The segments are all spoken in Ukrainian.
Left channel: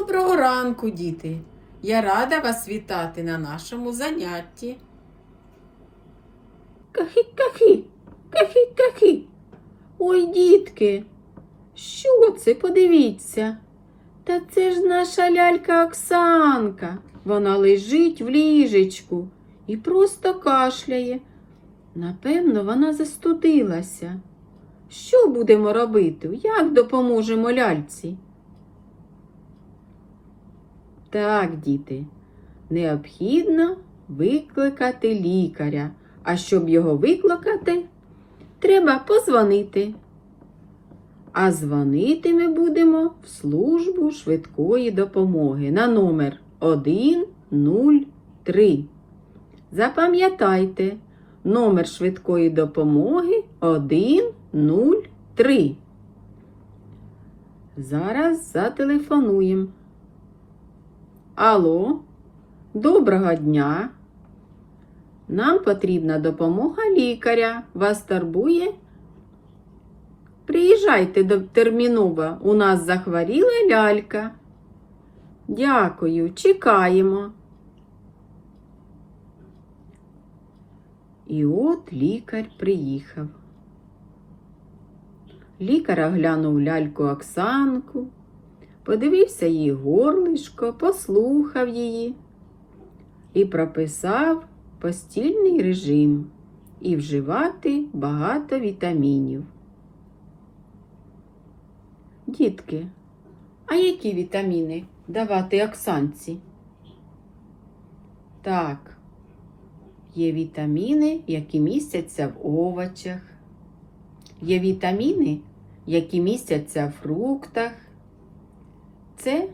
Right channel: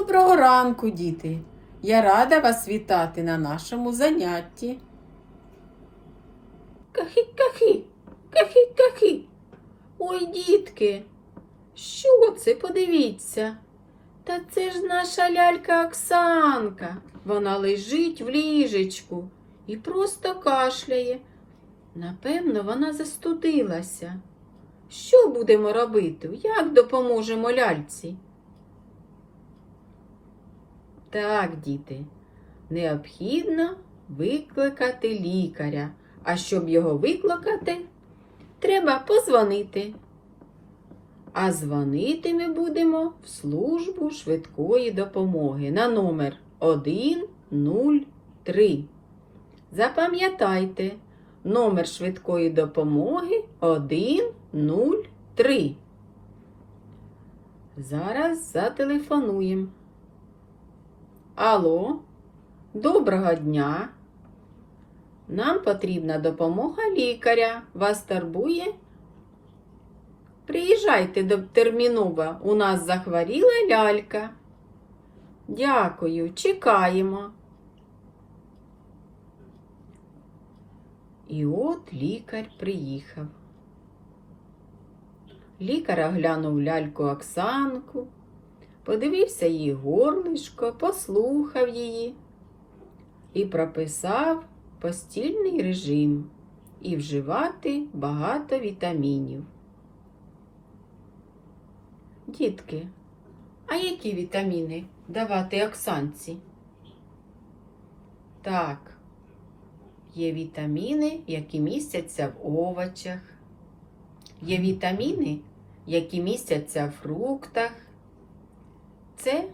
Доброго ранку, діти! Я рада вас вітати на нашому занятті. Кахі-кахі, кахі-кахі. Ой, дітки, що це? Подивіться. Та це ж наша лялька Оксанка. Вона лежить в ліжечку і просто кашляє. Напевно, вона застудилася. Що будемо робити? Як допоможемо ляльці? Так, діти, необхідно викликати лікаря. А щоб його викликати, треба позвонити. А дзвонити ми будемо в службу швидкої допомоги на номер 103. Запам'ятайте, номер швидкої допомоги 103. Зараз зателефонуємо. Алло, доброго дня. Нам потрібна допомога лікаря. Вас турбує? Приїжджайте до терміново. У нас захворіла лялька. Дякую, чекаємо. І от лікар приїхав. Лікар оглянув ляльку Оксанку, подивився її горлишко, послухав її і прописав постільний режим і вживати багато вітамінів. Дітки, а які вітаміни давати Оксанці? Так, є вітаміни, які містяться в овочах, є вітаміни, які містяться в фруктах. Це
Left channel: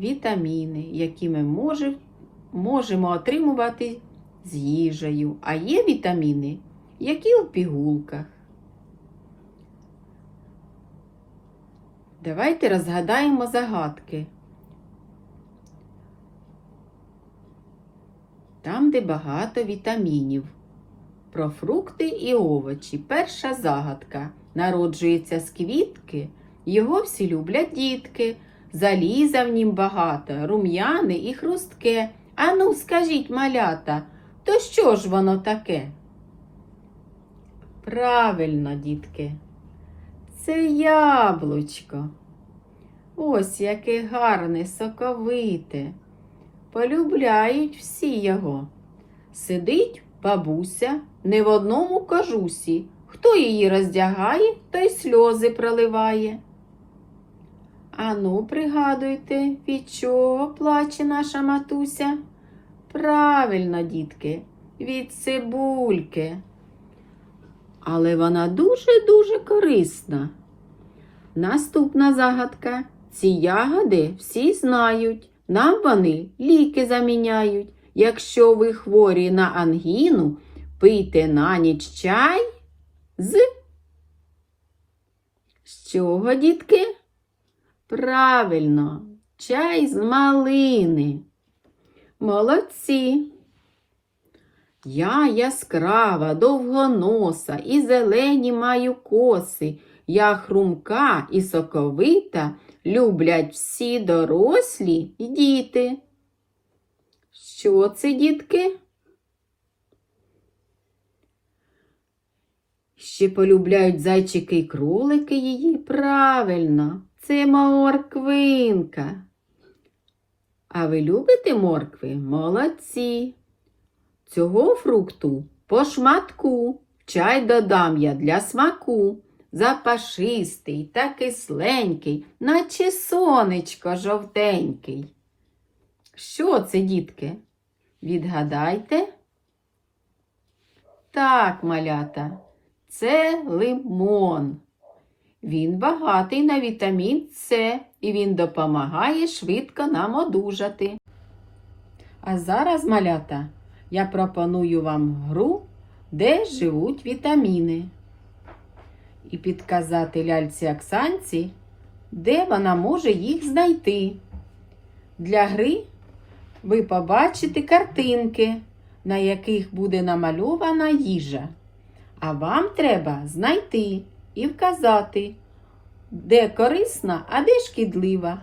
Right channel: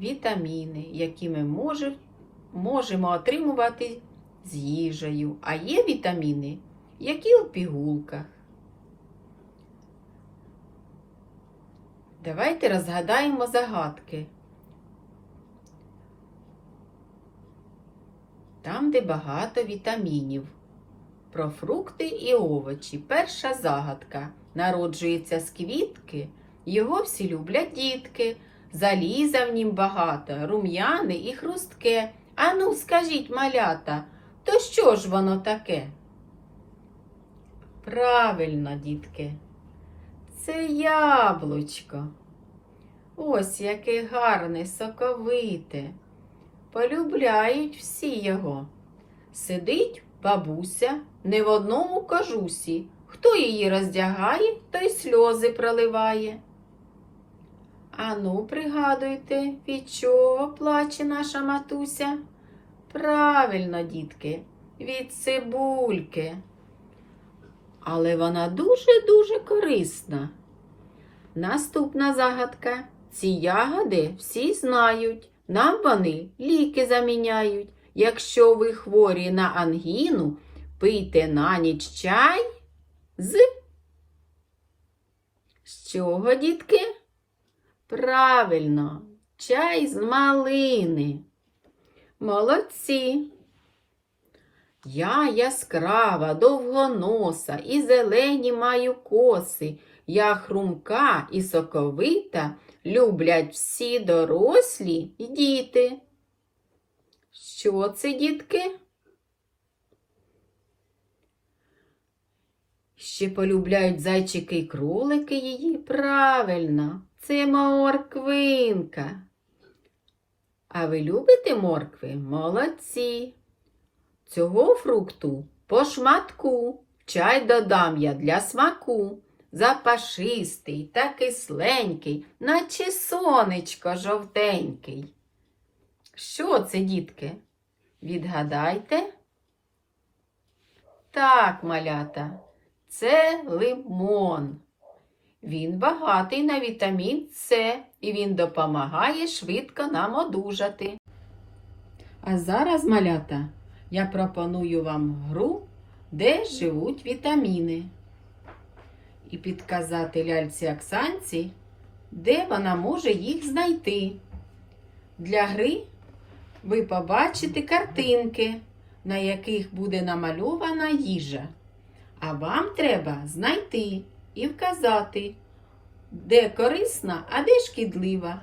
вітаміни, які ми може- можемо отримувати з їжею, а є вітаміни, які у пігулках. Давайте розгадаємо загадки. Там, де багато вітамінів. Про фрукти і овочі. Перша загадка. Народжується з квітки, його всі люблять дітки. Заліза в нім багато, рум'яне і хрустке. Ану, скажіть, малята, то що ж воно таке? Правильно, дітки, це яблучко. Ось яке гарне, соковите. Полюбляють всі його. Сидить бабуся не в одному кожусі. Хто її роздягає, той сльози проливає. Ану, пригадуйте, від чого плаче наша матуся? Правильно, дітки, від цибульки. Але вона дуже-дуже корисна. Наступна загадка. Ці ягоди всі знають. Нам вони ліки заміняють. Якщо ви хворі на ангіну, пийте на ніч чай з. З чого, дітки? Правильно, чай з малини. Молодці. Я яскрава, довгоноса і зелені маю коси. Я хрумка і соковита, люблять всі дорослі і діти. Що це, дітки? Ще полюбляють зайчики й кролики її. Правильно, це морквинка. А ви любите моркви? Молодці. Цього фрукту по шматку чай додам я для смаку. Запашистий та кисленький, наче сонечко жовтенький. Що це, дітки? Відгадайте? Так, малята, це лимон. Він багатий на вітамін С і він допомагає швидко нам одужати. А зараз, малята, я пропоную вам гру, де живуть вітаміни. І підказати ляльці Оксанці, де вона може їх знайти. Для гри ви побачите картинки, на яких буде намальована їжа. А вам треба знайти і вказати, де корисна, а де шкідлива.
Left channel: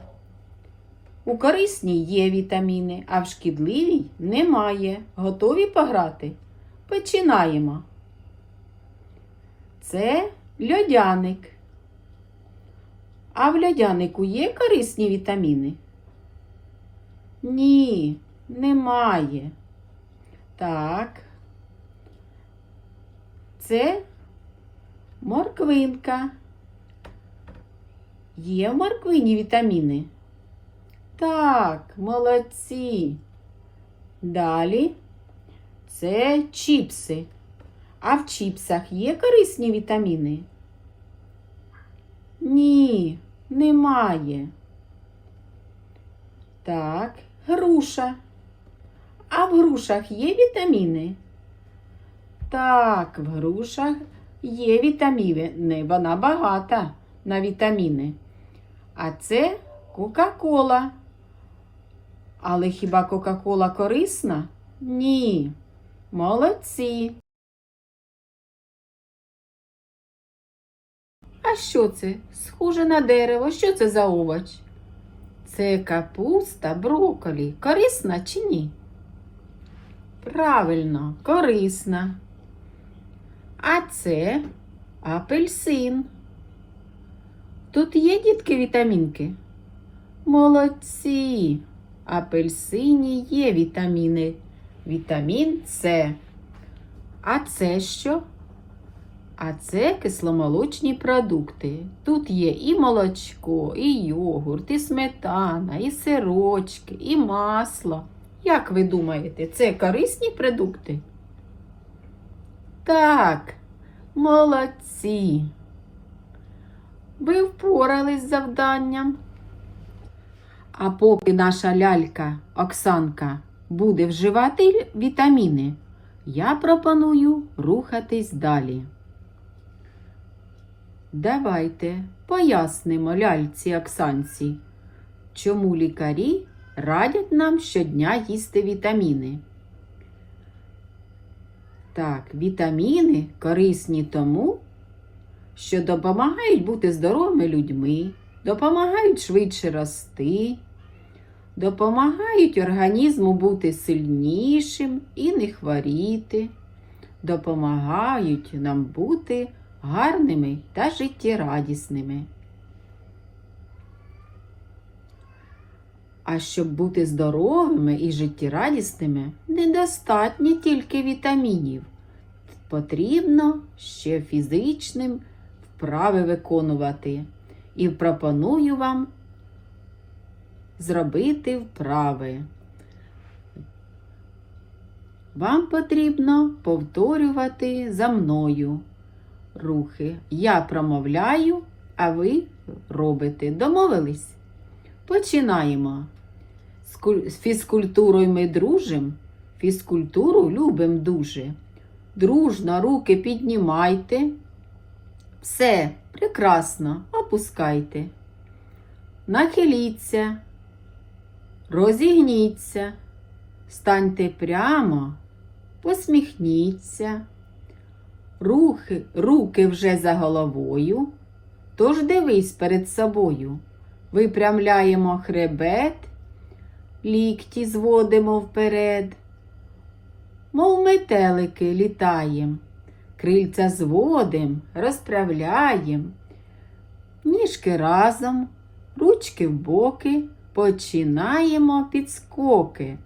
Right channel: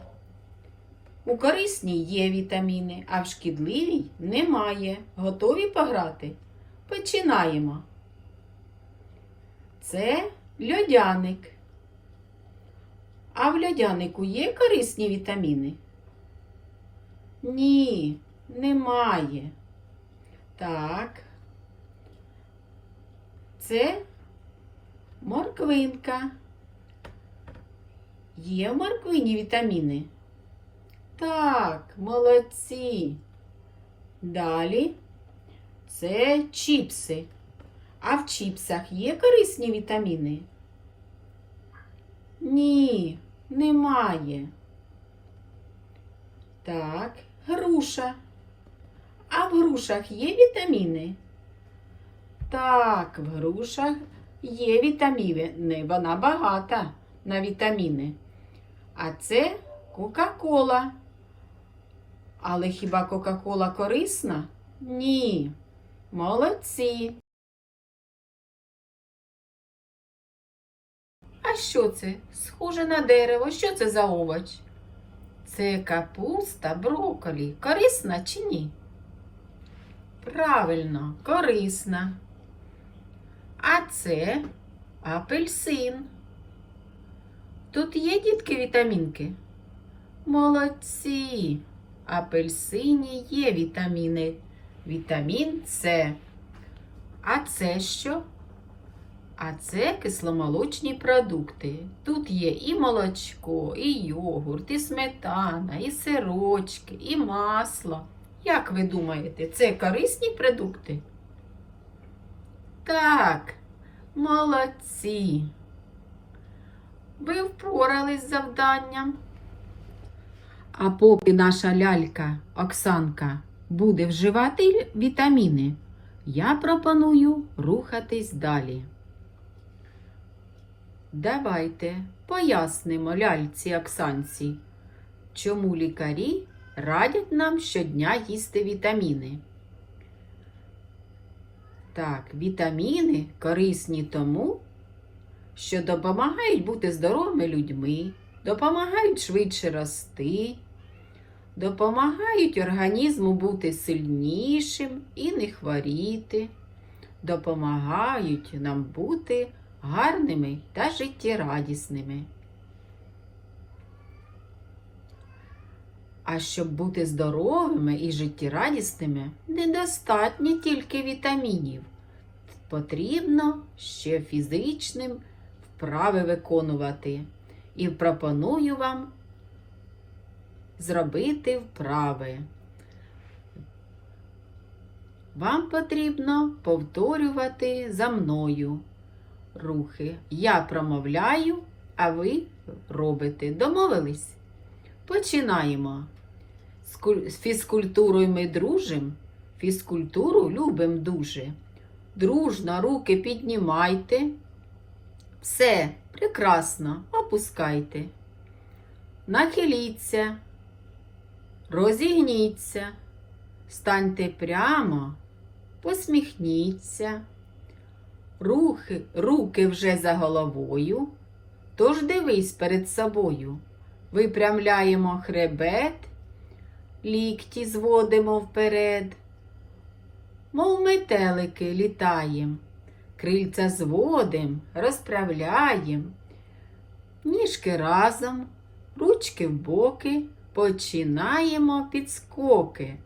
У корисній є вітаміни, а в шкідливій немає. Готові пограти? Починаємо. Це льодяник. А в льодянику є корисні вітаміни? Ні, немає. Так. Це морквинка. Є в морквині вітаміни? Так, молодці. Далі це чіпси. А в чіпсах є корисні вітаміни? Ні, немає. Так, груша. А в грушах є вітаміни? Так, в грушах є вітаміни. Вона багата на вітаміни. А це Кока-Кола. Але хіба Кока-Кола корисна? Ні. Молодці. А що це? Схоже на дерево. Що це за овоч? Це капуста, брокколі. Корисна чи ні? Правильно, корисна. А це апельсин. Тут є дітки вітамінки? Молодці. Апельсині є вітаміни. Вітамін С. А це що? А це кисломолочні продукти. Тут є і молочко, і йогурт, і сметана, і сирочки, і масло. Як ви думаєте, це корисні продукти? Так, молодці. Ви впорались з завданням. А поки наша лялька Оксанка буде вживати вітаміни, я пропоную рухатись далі. Давайте пояснимо ляльці Оксанці, чому лікарі радять нам щодня їсти вітаміни. Так, вітаміни корисні тому, що допомагають бути здоровими людьми, допомагають швидше рости, допомагають організму бути сильнішим і не хворіти, допомагають нам бути гарними та життєрадісними. А щоб бути здоровими і життєрадісними, недостатньо тільки вітамінів. Потрібно ще фізичним вправи виконувати. І пропоную вам зробити вправи. Вам потрібно повторювати за мною рухи. Я промовляю, а ви робите. Домовились? Починаємо. З фізкультурою ми дружим, фізкультуру любим дуже. Дружно руки піднімайте. Все, прекрасно, опускайте. Нахиліться, розігніться, станьте прямо, посміхніться. Рухи, руки вже за головою, тож дивись перед собою. Випрямляємо хребет, лікті зводимо вперед, мов метелики літаєм, крильця зводим, розправляєм, ніжки разом, ручки в боки, починаємо підскоки.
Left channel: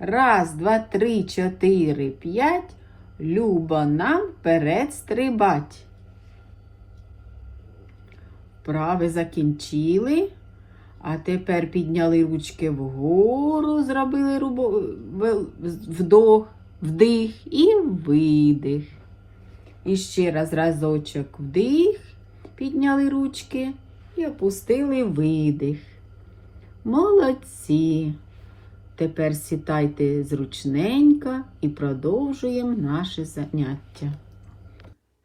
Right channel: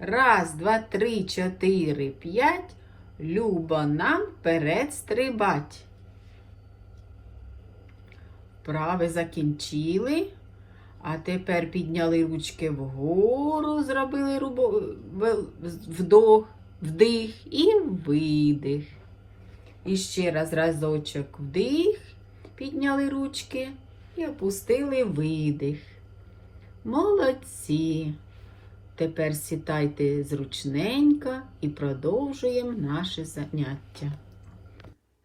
Раз, два, три, чотири, п'ять. Любо нам вперед стрибать. Вправи закінчили. А тепер підняли ручки вгору, зробили рубо... вдох, вдих і видих. І ще раз разочок вдих, підняли ручки і опустили видих. Молодці. Тепер сідайте зручненько і продовжуємо наше заняття.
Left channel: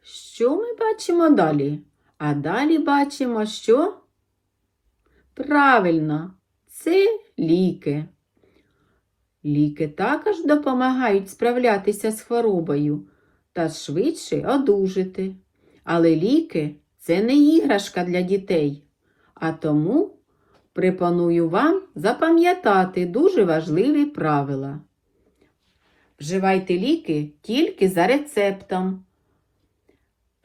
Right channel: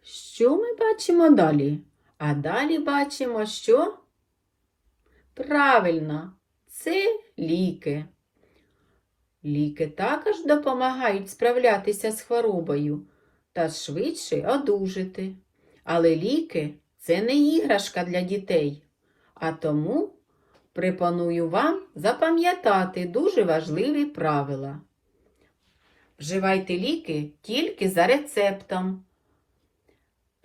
Що ми бачимо далі? А далі бачимо, що? Правильно, це ліки. Ліки також допомагають справлятися з хворобою та швидше одужати. Але ліки це не іграшка для дітей, а тому Пропоную вам запам'ятати дуже важливі правила. Вживайте ліки тільки за рецептом.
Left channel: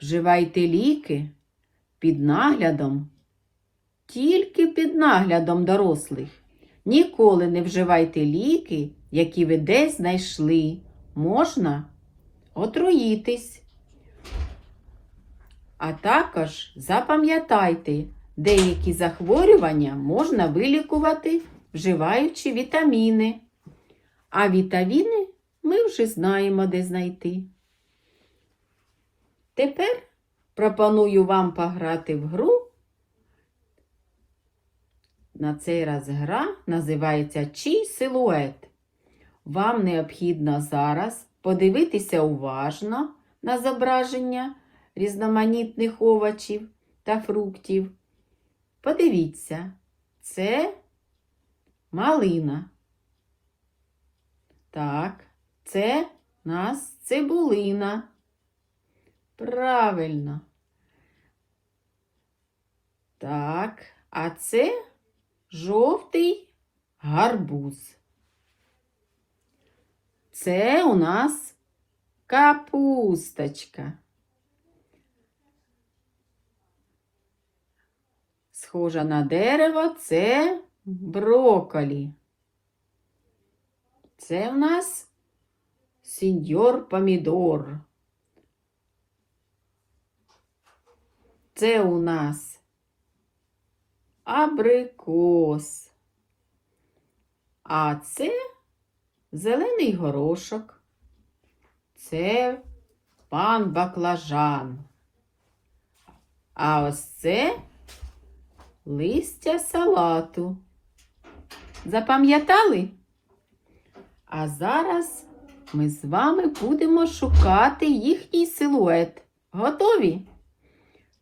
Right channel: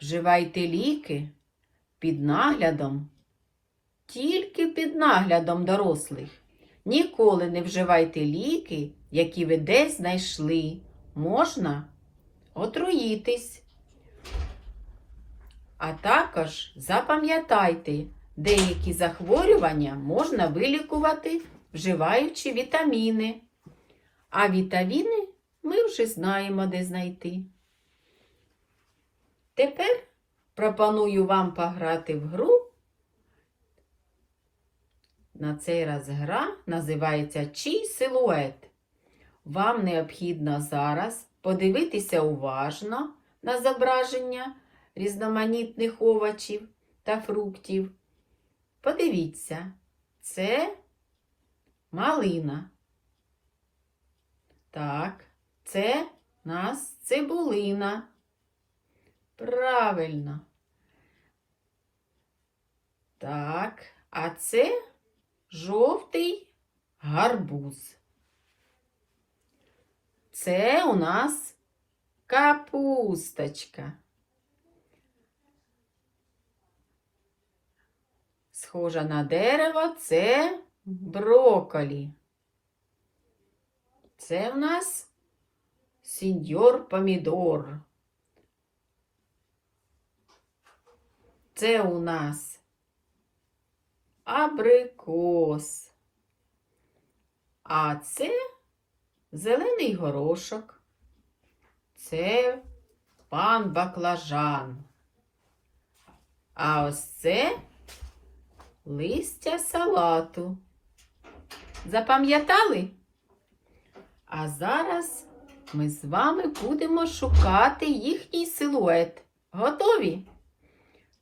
Вживайте ліки під наглядом, тільки під наглядом дорослих. Ніколи не вживайте ліки, які ви десь знайшли. Можна отруїтись. А також запам'ятайте, деякі захворювання можна вилікувати, вживаючи вітаміни. А вітаміни ми вже знаємо, де знайти. Тепер пропоную вам пограти в гру. На цей раз гра називається Чий силует. Вам необхідно зараз подивитися уважно на зображення різноманітних овочів та фруктів. Подивіться, це малина. Так, це у нас цибулина. Правильно. Так, а це жовтий гарбуз. Це у нас капусточка. Схожа на дерево це брокколі. Це в нас сеньор помідор. Це у нас абрикос. А це зелений горошок. Це пан баклажан. А ось це листя салату. Запам'ятали? А зараз ми з вами будемо шукати їхній силует. Готові?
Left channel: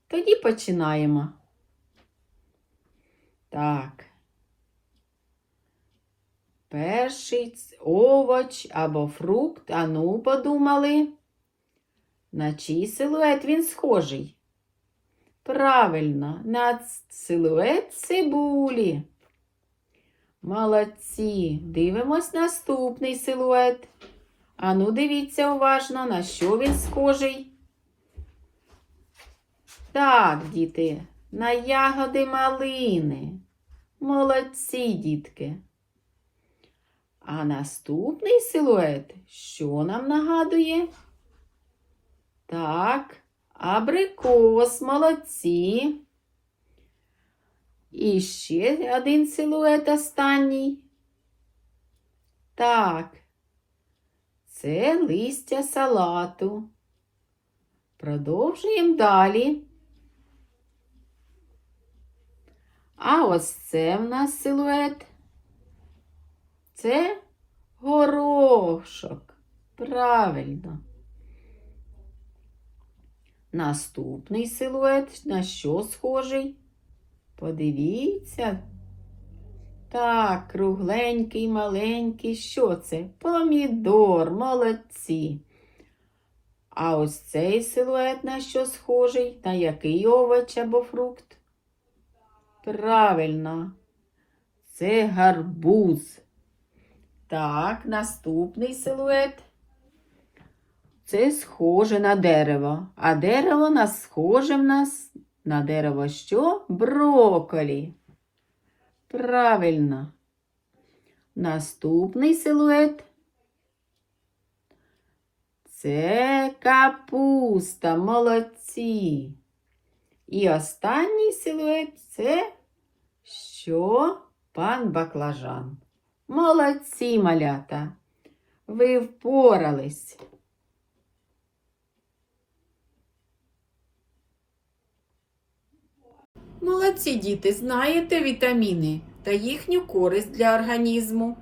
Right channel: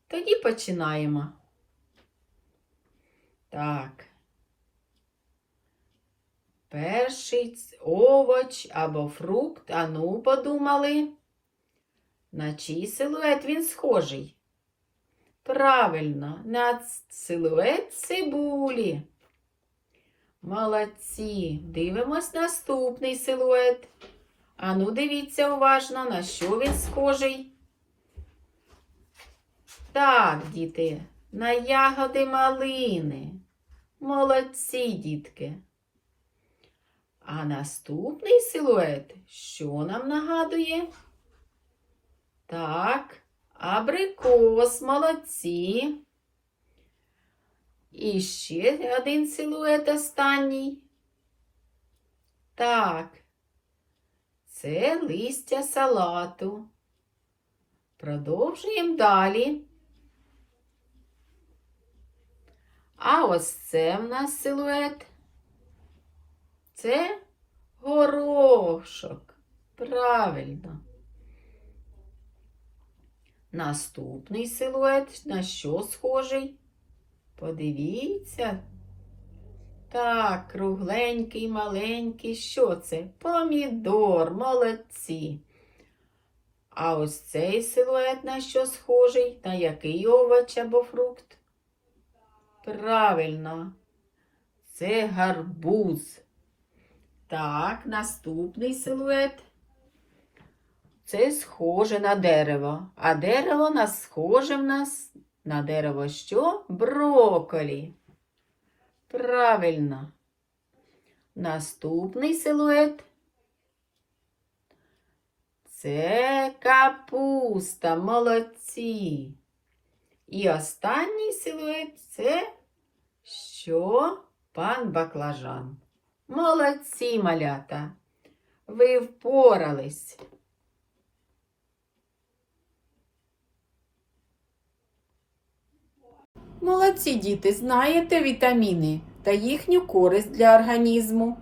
Тоді починаємо. Так. Перший овоч або фрукт. Ану, подумали. На чий силует він схожий? Правильно, на силует цибулі. Молодці. Дивимось наступний силует. Ану, дивіться уважно, на що він схожий. Так, діти, на ягоди малини. Молодці, дітки. А наступний силует, що нам нагадує? Так, абрикос, молодці. І ще один силует останній. Так, це листя салату. Продовжуємо далі. А ось це в нас силует. Це горошок. Правильно. Наступний силует на що схожий? Подивіться. Так, кругленький, маленький. Що це? Помідор, молодці. А ось цей силует на що схожий? На який овоч або фрукт? Правильно. Це гарбуз. Так, наступний силует. Це схоже на дерево. А дерево нас схоже в нас на дерево що? Брокколі. Правильно. Наступний силует. Це капуста. Молодці. І останній силует це що? Пан баклажан. Молодці, малята. Ви впорались. Молодці діти, знаєте вітаміни та їхню користь для організму.